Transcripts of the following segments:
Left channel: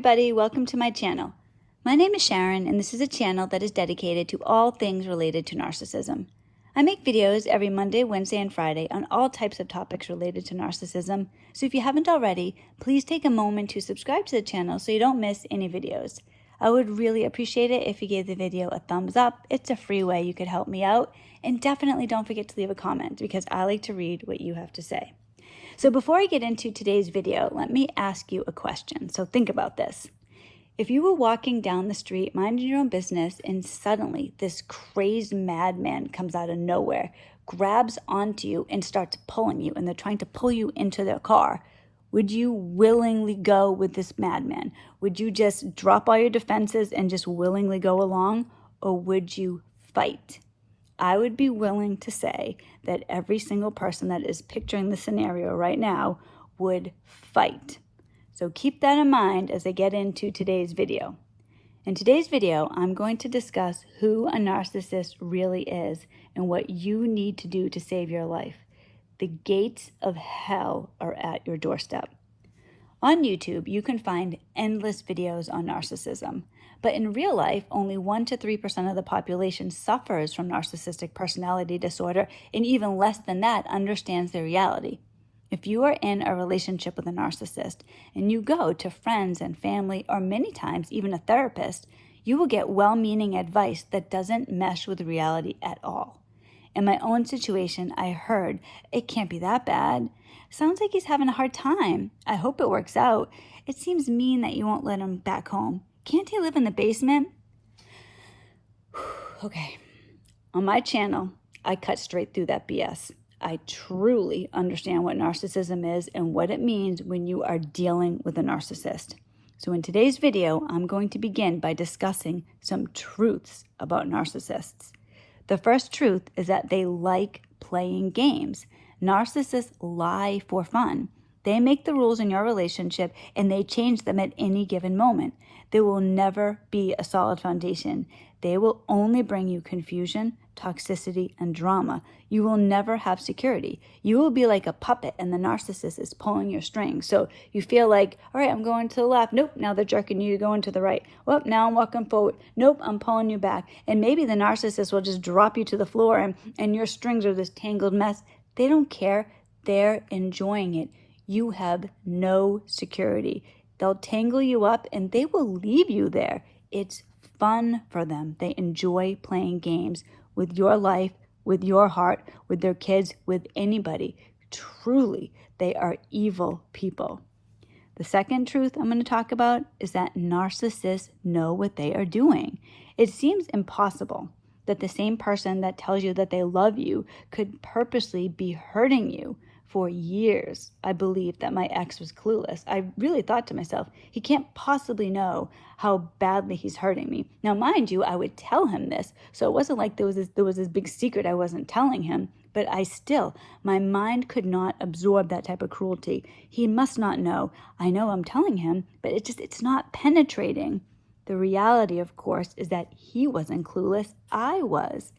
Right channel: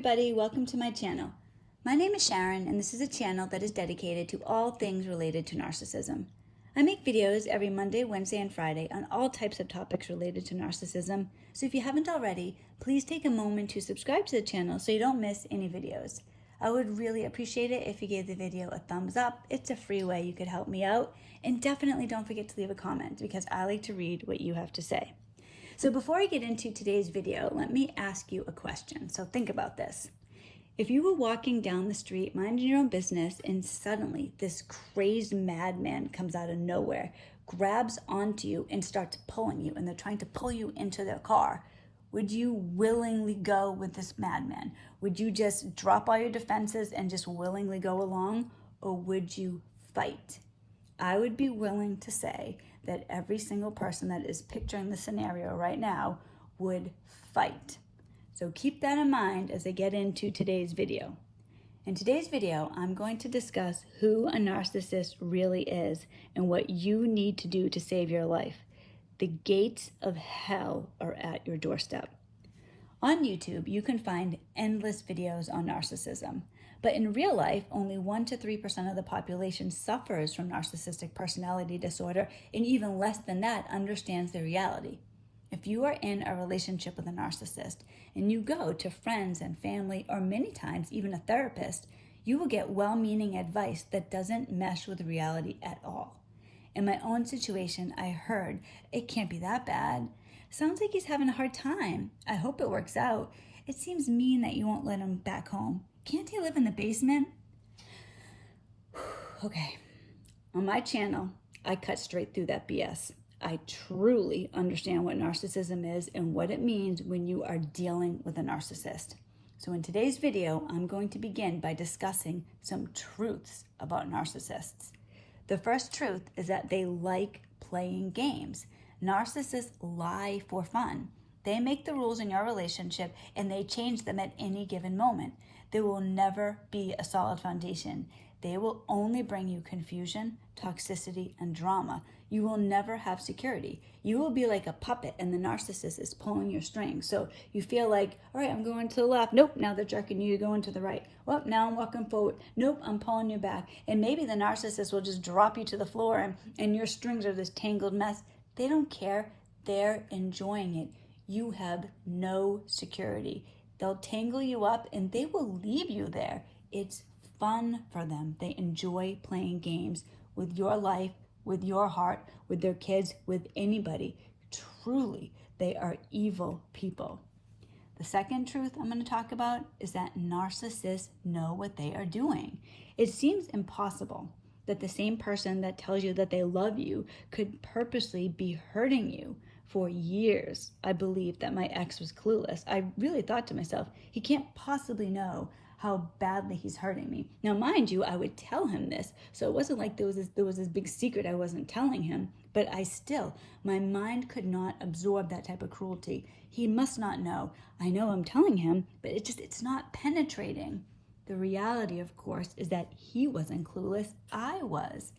everybody, welcome to my channel. My name is Sharon and this is a channel that is dedicated to all things related to narcissism. I make videos every Monday, Wednesday, and Friday on all types of topics related to narcissism, so if you haven't already, please take a moment to subscribe to the channel so you don't miss any videos. I would really appreciate it if you gave the video a thumbs up. It's a free way you could help me out, and definitely don't forget to leave a comment because I like to read what you have to say. So before I get into today's video, let me ask you a question. So think about this. If you were walking down the street, minding your own business, and suddenly this crazed madman comes out of nowhere, grabs onto you and starts pulling you, and they're trying to pull you into their car, would you willingly go with this madman? Would you just drop all your defenses and just willingly go along, or would you fight? I would be willing to say that every single person that is picturing the scenario right now would fight. So keep that in mind as I get into today's video. In today's video, I'm going to discuss who a narcissist really is and what you need to do to save your life. The gates of hell are at your doorstep. On YouTube, you can find endless videos on narcissism, but in real life, only 1 to 3% of the population suffers from narcissistic personality disorder, and even less than that understands the reality. If you are in a relationship with a narcissist and you go to friends and family, or many times even a therapist, you will get well-meaning advice that doesn't mesh with reality at all. In my own situation, I heard, "It can't be that bad. Sounds like he's having a hard time. I hope it works out. It seems mean that you won't let him back home. Can't he live in the basement?" Okay, on my channel, I cut straight through that BS. I truly understand what narcissism is and what it means when you are dealing with a narcissist. So in today's video, I'm going to begin by discussing some truths about narcissists. The first truth is that they like playing games. Narcissists lie for fun. They make the rules in your relationship and they change them at any given moment. There will never be a solid foundation. They will only bring you confusion, toxicity, and drama. You will never have security. You will be like a puppet and the narcissist is pulling your strings. So you feel like, all right, I'm going to the left. Nope, now they're jerking you, you're going to the right. Well, now I'm walking forward. Nope, I'm pulling you back. And maybe the narcissist will just drop you to the floor and your strings are this tangled mess. They don't care. They're enjoying it. You have no security. They'll tangle you up and they will leave you there. It's fun for them. They enjoy playing games with your life, with your heart, with their kids, with anybody. Truly, they are evil people. The second truth I'm going to talk about is that narcissists know what they are doing. It seems impossible that the same person that tells you that they love you could purposely be hurting you. For years, I believed that my ex was clueless. I really thought to myself, he can't possibly know how badly he's hurting me. Now, mind you, I would tell him this, so it wasn't like there was this big secret I wasn't telling him, but my mind could not absorb that type of cruelty. He must not know. I know I'm telling him, but it's not penetrating. The reality, of course, is that he wasn't clueless. I was.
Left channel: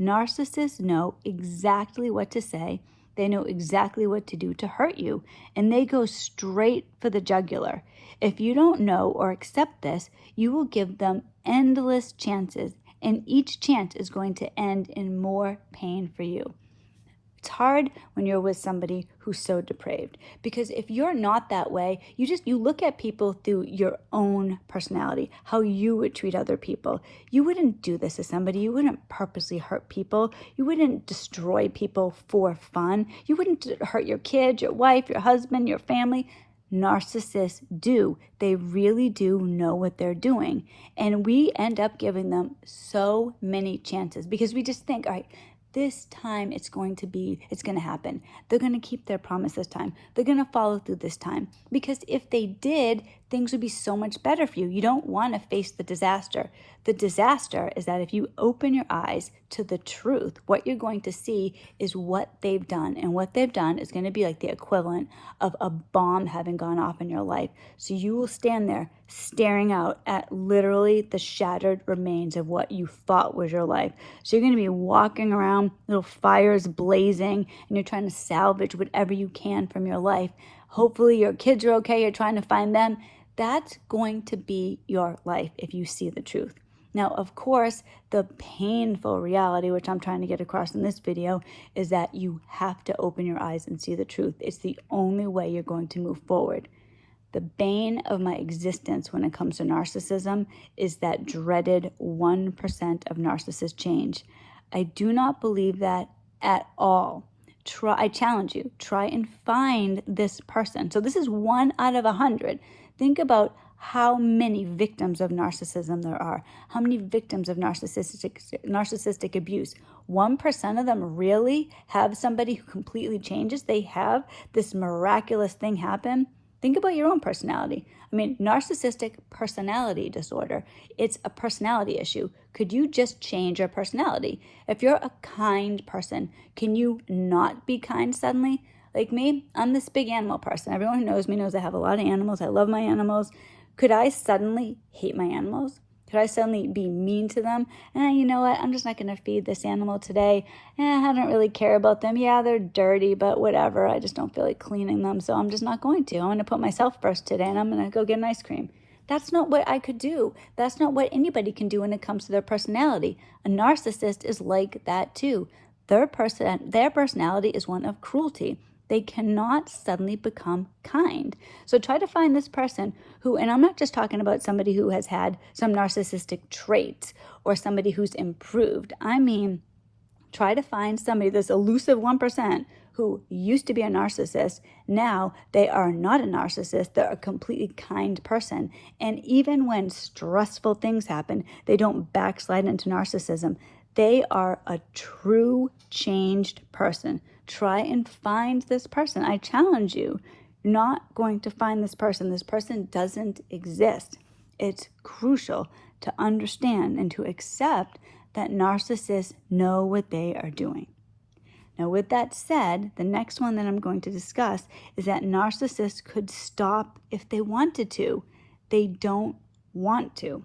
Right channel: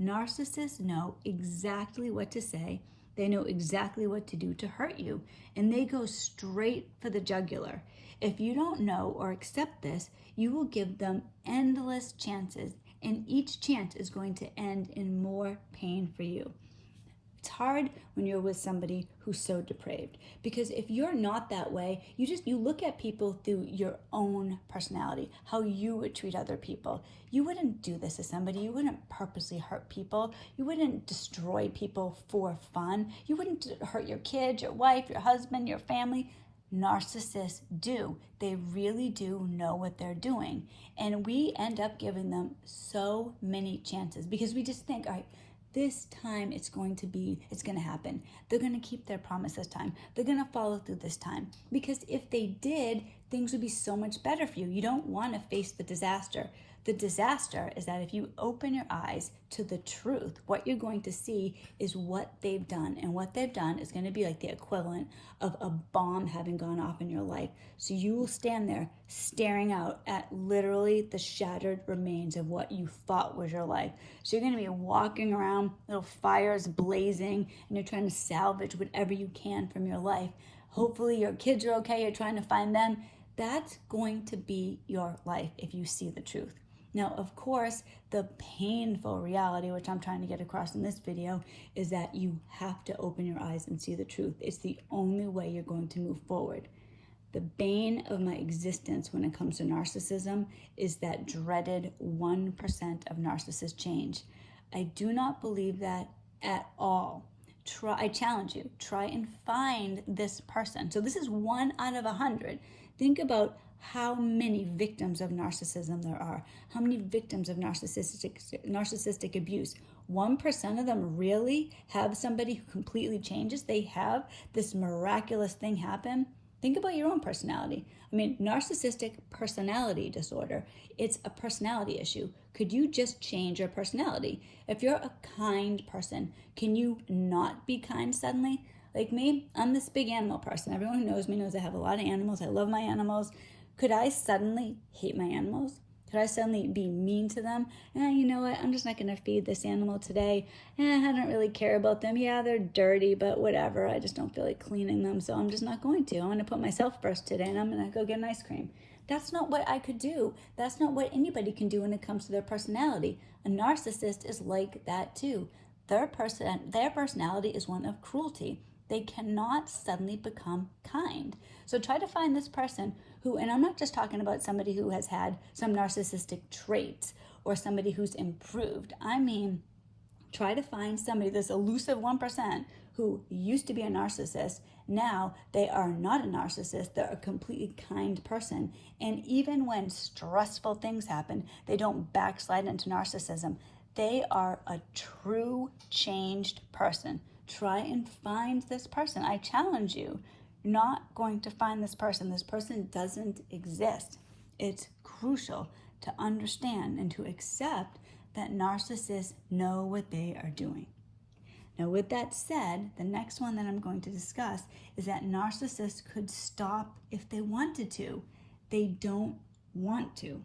Narcissists know exactly what to say. They know exactly what to do to hurt you, and they go straight for the jugular. If you don't know or accept this, you will give them endless chances, and each chance is going to end in more pain for you. It's hard when you're with somebody who's so depraved, because if you're not that way, you look at people through your own personality, how you would treat other people. You wouldn't do this to somebody. You wouldn't purposely hurt people. You wouldn't destroy people for fun. You wouldn't hurt your kids, your wife, your husband, your family. Narcissists do. They really do know what they're doing. And we end up giving them so many chances because we just think, all right, this time it's going to happen. They're going to keep their promise this time. They're going to follow through this time. Because if they did, things would be so much better for you. You don't want to face the disaster. The disaster is that if you open your eyes to the truth, what you're going to see is what they've done. And what they've done is going to be like the equivalent of a bomb having gone off in your life. So you will stand there staring out at literally the shattered remains of what you thought was your life. So you're going to be walking around, little fires blazing, and you're trying to salvage whatever you can from your life. Hopefully your kids are okay. You're trying to find them. That's going to be your life if you see the truth. Now, of course, the painful reality, which I'm trying to get across in this video, is that you have to open your eyes and see the truth. It's the only way you're going to move forward. The bane of my existence when it comes to narcissism is that dreaded 1% of narcissist change. I do not believe that at all. I challenge you, try and find this person. So this is 1 out of 100. Think about how many victims of narcissism there are, how many victims of narcissistic abuse. 1% of them really have somebody who completely changes. They have this miraculous thing happen. Think about your own personality. I mean, narcissistic personality disorder, it's a personality issue. Could you just change your personality? If you're a kind person, can you not be kind suddenly? Like me, I'm this big animal person. Everyone who knows me knows I have a lot of animals. I love my animals. Could I suddenly hate my animals? Could I suddenly be mean to them? You know what? I'm just not going to feed this animal today. I don't really care about them. Yeah, they're dirty, but whatever. I just don't feel like cleaning them, so I'm just not going to. I'm going to put myself first today, and I'm going to go get an ice cream. That's not what I could do. That's not what anybody can do when it comes to their personality. A narcissist is like that too. Their personality is one of cruelty. They cannot suddenly become kind. So try to find this person who, and I'm not just talking about somebody who has had some narcissistic traits or somebody who's improved. I mean, try to find somebody, this elusive 1% who used to be a narcissist. Now they are not a narcissist. They're a completely kind person. And even when stressful things happen, they don't backslide into narcissism. They are a true changed person. Try and find this person. I challenge you. You're not going to find this person. This person doesn't exist. It's crucial to understand and to accept that narcissists know what they are doing. Now, with that said, the next one that I'm going to discuss is that narcissists could stop if they wanted to. They don't want to.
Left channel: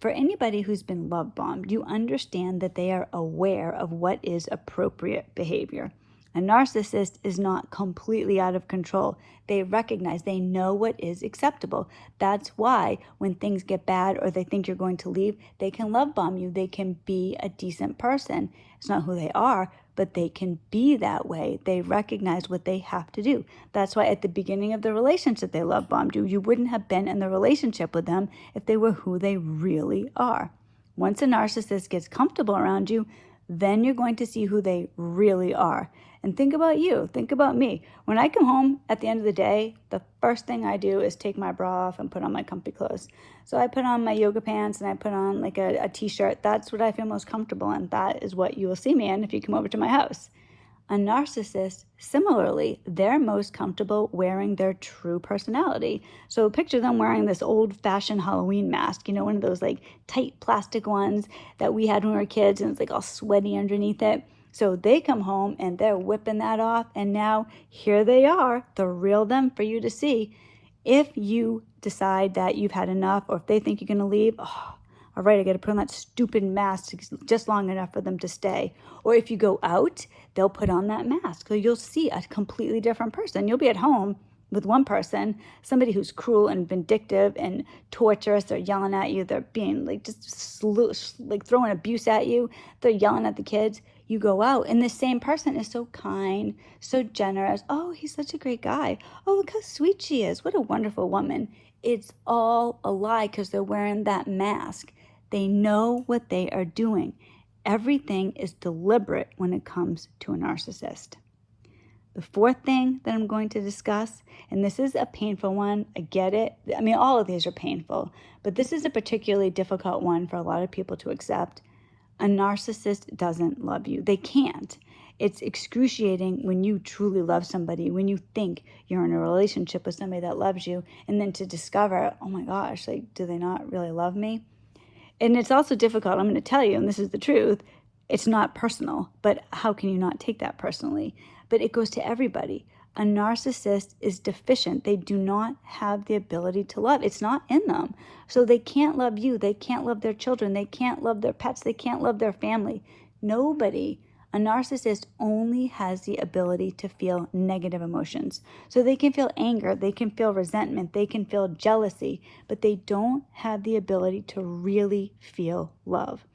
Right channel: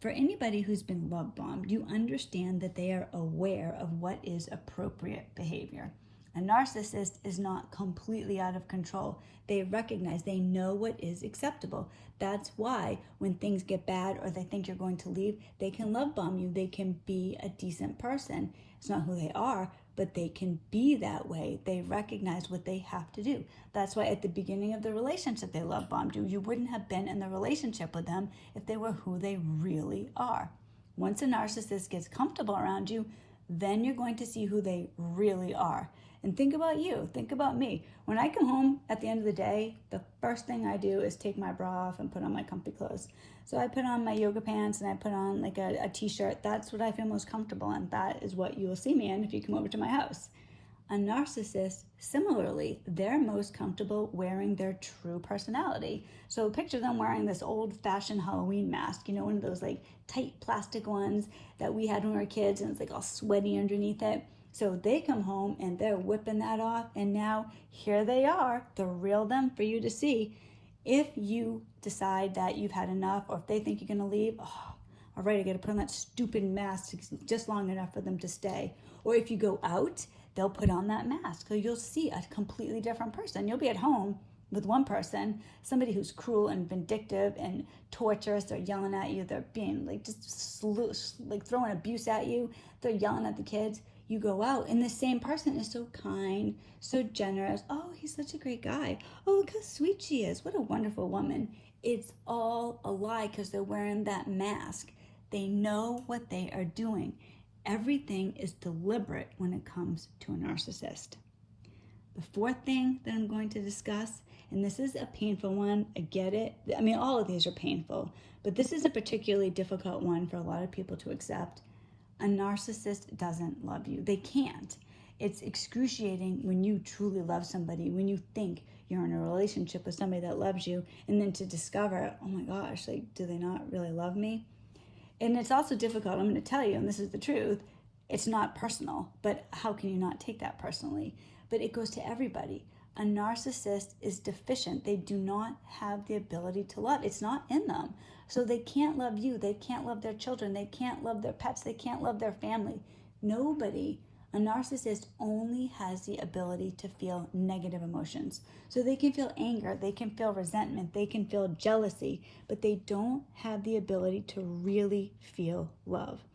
For anybody who's been love bombed, you understand that they are aware of what is appropriate behavior. A narcissist is not completely out of control. They recognize, they know what is acceptable. That's why when things get bad or they think you're going to leave, they can love bomb you. They can be a decent person. It's not who they are, but they can be that way. They recognize what they have to do. That's why at the beginning of the relationship, they love bombed you. You wouldn't have been in the relationship with them if they were who they really are. Once a narcissist gets comfortable around you, then you're going to see who they really are. And think about you, think about me. When I come home at the end of the day, the first thing I do is take my bra off and put on my comfy clothes. So I put on my yoga pants and I put on like a t-shirt. That's what I feel most comfortable in. That is what you will see me in if you come over to my house. A narcissist, similarly, they're most comfortable wearing their true personality. So picture them wearing this old-fashioned Halloween mask, one of those like tight plastic ones that we had when we were kids, and it's like all sweaty underneath it. So they come home and they're whipping that off, and now here they are, the real them for you to see. If you decide that you've had enough, or if they think you're going to leave, all right, I got to put on that stupid mask just long enough for them to stay. Or if you go out, they'll put on that mask. So you'll see a completely different person. You'll be at home with one person, somebody who's cruel and vindictive and torturous. They're yelling at you. They're being like like throwing abuse at you. They're yelling at the kids. You go out and the same person is so kind, so generous. Oh, he's such a great guy. Oh, look how sweet she is. What a wonderful woman. It's all a lie because they're wearing that mask. They know what they are doing. Everything is deliberate when it comes to a narcissist. The fourth thing that I'm going to discuss, and this is a painful one, I get it. I mean, all of these are painful, but this is a particularly difficult one for a lot of people to accept. A narcissist doesn't love you. They can't. It's excruciating when you truly love somebody, when you think you're in a relationship with somebody that loves you, and then to discover, oh my gosh, like, do they not really love me? And it's also difficult, I'm going to tell you, and this is the truth, it's not personal, but how can you not take that personally? But it goes to everybody. A narcissist is deficient. They do not have the ability to love. It's not in them. So they can't love you. They can't love their children. They can't love their pets. They can't love their family. Nobody A narcissist only has the ability to feel negative emotions. So they can feel anger, they can feel resentment, they can feel jealousy, but they don't have the ability to really feel love.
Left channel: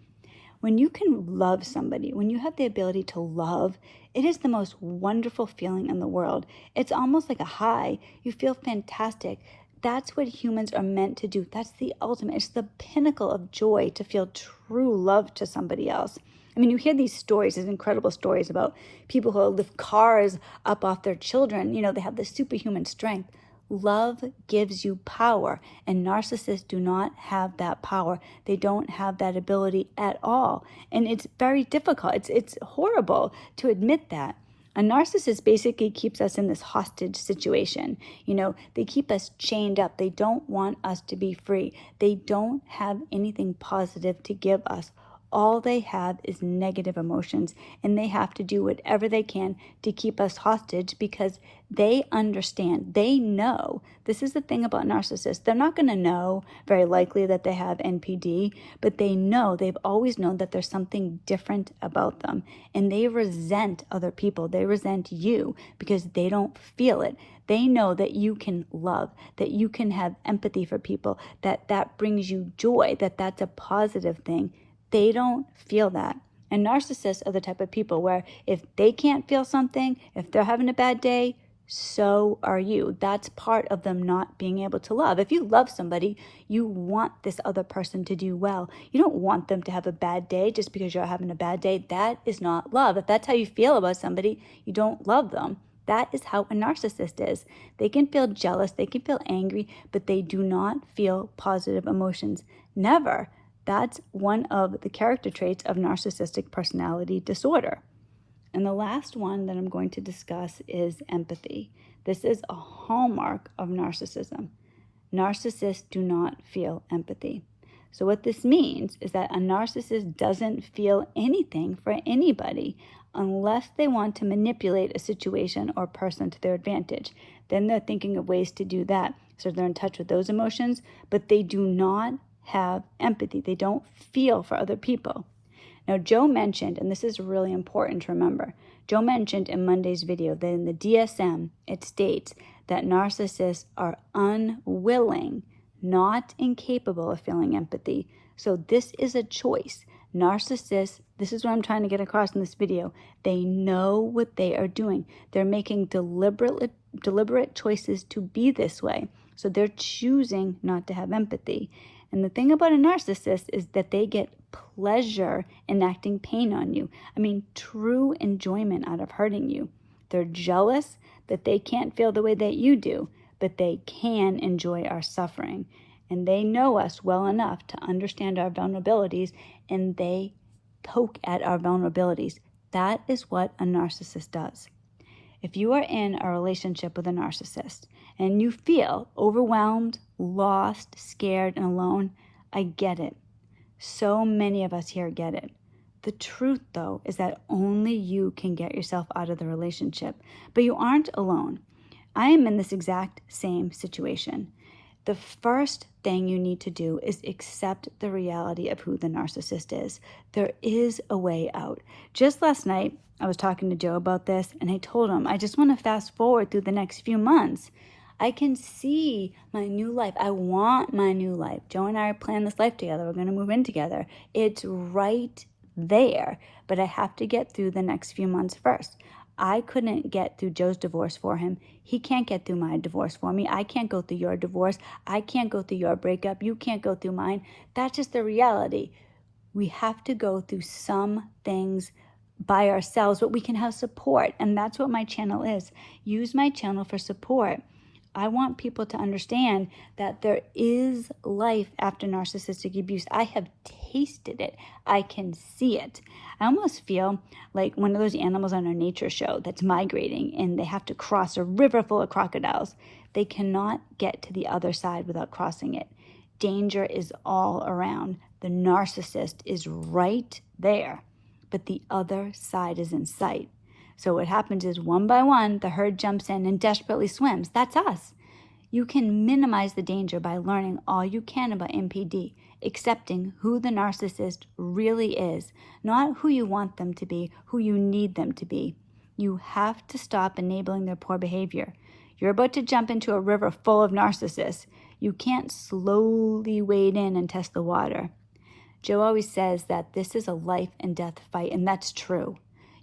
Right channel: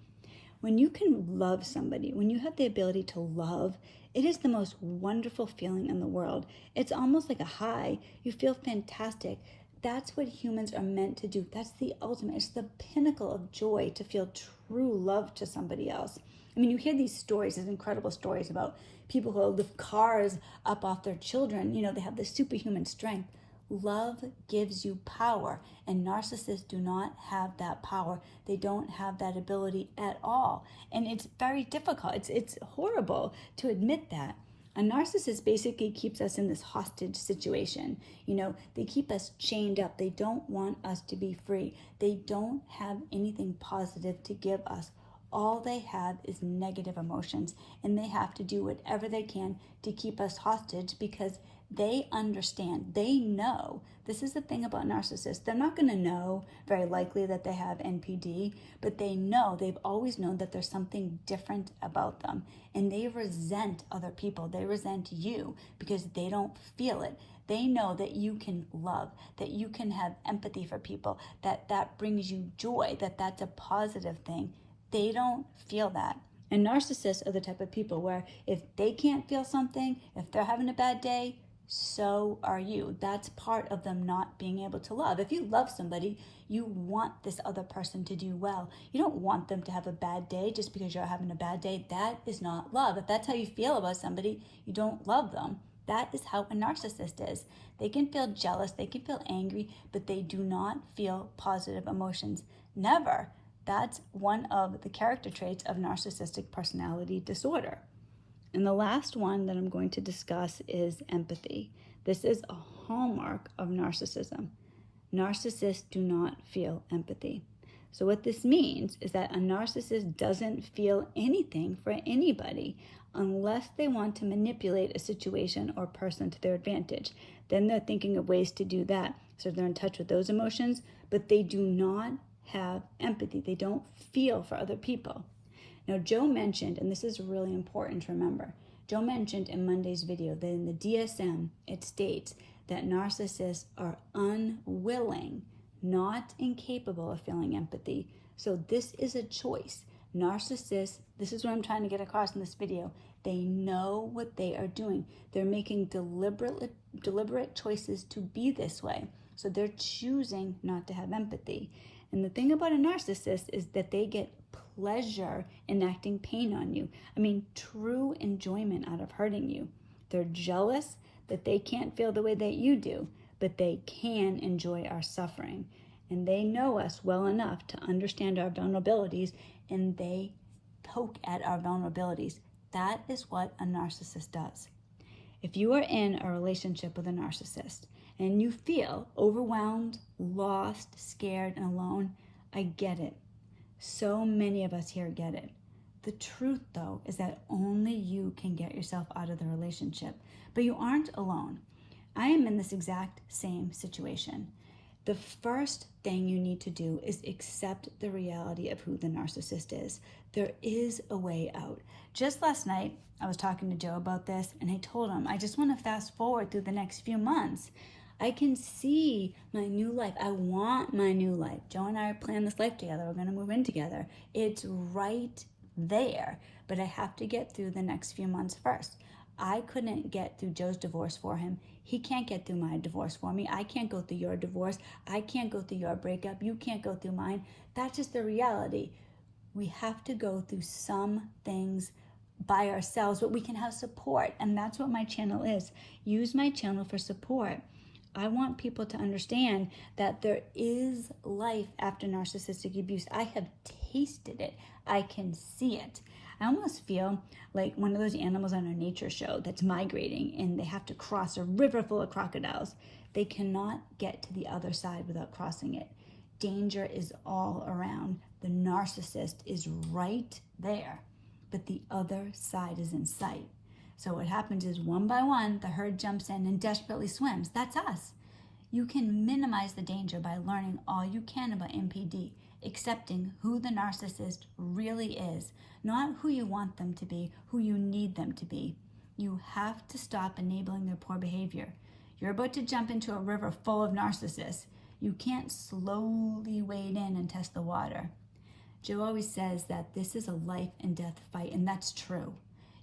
When you can love somebody, when you have the ability to love, it is the most wonderful feeling in the world. It's almost like a high. You feel fantastic. That's what humans are meant to do. That's the ultimate. It's the pinnacle of joy to feel true love to somebody else. I mean, you hear these stories, these incredible stories about people who lift cars up off their children. You know, they have this superhuman strength. Love gives you power, and narcissists do not have that power. They don't have that ability at all. And it's very difficult. It's horrible to admit that. A narcissist basically keeps us in this hostage situation. You know, they keep us chained up. They don't want us to be free. They don't have anything positive to give us. All they have is negative emotions, and they have to do whatever they can to keep us hostage because they understand, they know. This is the thing about narcissists. They're not going to know, very likely, that they have NPD, but they know, they've always known that there's something different about them, and they resent other people. They resent you because they don't feel it. They know that you can love, that you can have empathy for people, that brings you joy, that's a positive thing. They don't feel that. And narcissists are the type of people where if they can't feel something, if they're having a bad day, so are you. That's part of them not being able to love. If you love somebody, you want this other person to do well. You don't want them to have a bad day just because you're having a bad day. That is not love. If that's how you feel about somebody, you don't love them. That is how a narcissist is. They can feel jealous, they can feel angry, but they do not feel positive emotions. Never. That's one of the character traits of narcissistic personality disorder. And the last one that I'm going to discuss is empathy. This is a hallmark of narcissism. Narcissists do not feel empathy. So what this means is that a narcissist doesn't feel anything for anybody unless they want to manipulate a situation or person to their advantage. Then they're thinking of ways to do that. So they're in touch with those emotions, but they do not have empathy. They don't feel for other people. Now, Joe mentioned, and this is really important to remember, Joe mentioned in Monday's video that in the DSM, it states that narcissists are unwilling, not incapable of feeling empathy. So this is a choice. Narcissists, this is what I'm trying to get across in this video, they know what they are doing. They're making deliberate choices to be this way. So they're choosing not to have empathy. And the thing about a narcissist is that they get pleasure enacting pain on you. I mean, true enjoyment out of hurting you. They're jealous that they can't feel the way that you do, but they can enjoy our suffering. And they know us well enough to understand our vulnerabilities, and they poke at our vulnerabilities. That is what a narcissist does. If you are in a relationship with a narcissist and you feel overwhelmed, lost, scared, and alone, I get it. So many of us here get it. The truth, though, is that only you can get yourself out of the relationship, but you aren't alone. I am in this exact same situation. The first thing you need to do is accept the reality of who the narcissist is. There is a way out. Just last night, I was talking to Joe about this, and I told him, I just want to fast forward through the next few months. I can see my new life. I want my new life. Joe and I are planning this life together. We're going to move in together. It's right there, but I have to get through the next few months first. I couldn't get through Joe's divorce for him. He can't get through my divorce for me. I can't go through your divorce. I can't go through your breakup. You can't go through mine. That's just the reality. We have to go through some things by ourselves, but we can have support. And that's what my channel is. Use my channel for support. I want people to understand that there is life after narcissistic abuse. I have tasted it. I can see it. I almost feel like one of those animals on a nature show that's migrating and they have to cross a river full of crocodiles. They cannot get to the other side without crossing it. Danger is all around. The narcissist is right there, but the other side is in sight. So what happens is one by one, the herd jumps in and desperately swims. That's us. You can minimize the danger by learning all you can about NPD. accepting who the narcissist really is, not who you want them to be, who you need them to be. You have to stop enabling their poor behavior. You're about to jump into a river full of narcissists. You can't slowly wade in and test the water. Joe always says that this is a life and death fight, and that's true.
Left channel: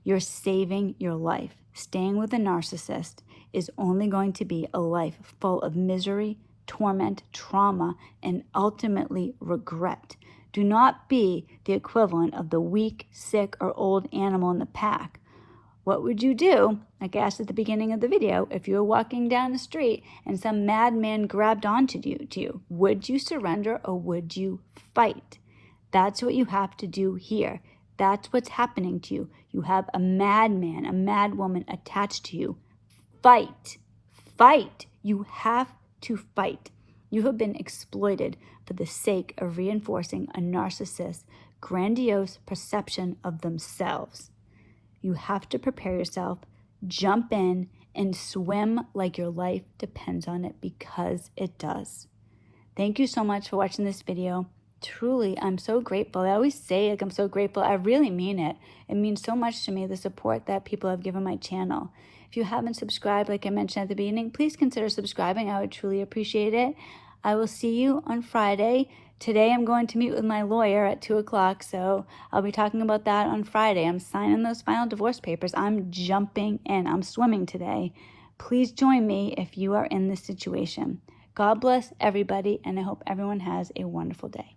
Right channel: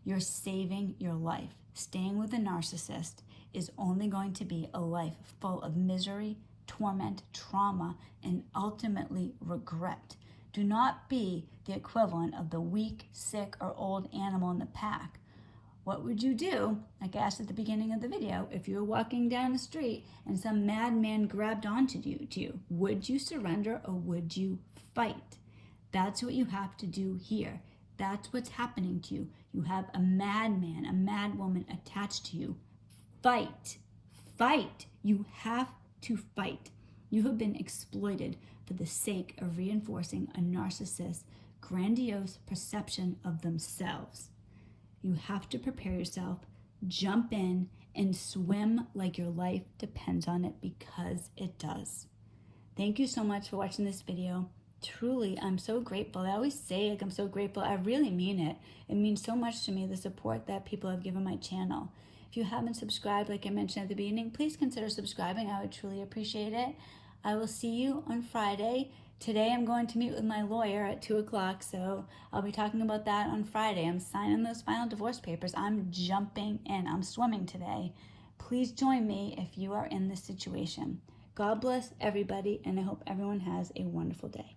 You're saving your life. Staying with a narcissist is only going to be a life full of misery, torment, trauma, and ultimately regret. Do not be the equivalent of the weak, sick, or old animal in the pack. What would you do, like I asked at the beginning of the video, if you were walking down the street and some madman grabbed onto you? Would you surrender or would you fight? That's what you have to do here. That's what's happening to you. You have a madman, a madwoman attached to you. Fight. Fight. You have to fight. You have been exploited for the sake of reinforcing a narcissist's grandiose perception of themselves. You have to prepare yourself, jump in, and swim like your life depends on it, because it does. Thank you so much for watching this video. Truly, I'm so grateful. I always say, I'm so grateful. I really mean it. It means so much to me, the support that people have given my channel. If you haven't subscribed, like I mentioned at the beginning, please consider subscribing. I would truly appreciate it. I will see you on Friday. Today I'm going to meet with my lawyer at 2 o'clock, so I'll be talking about that on Friday. I'm signing those final divorce papers. I'm jumping in. I'm swimming today. Please join me if you are in this situation. God bless everybody, and I hope everyone has a wonderful day.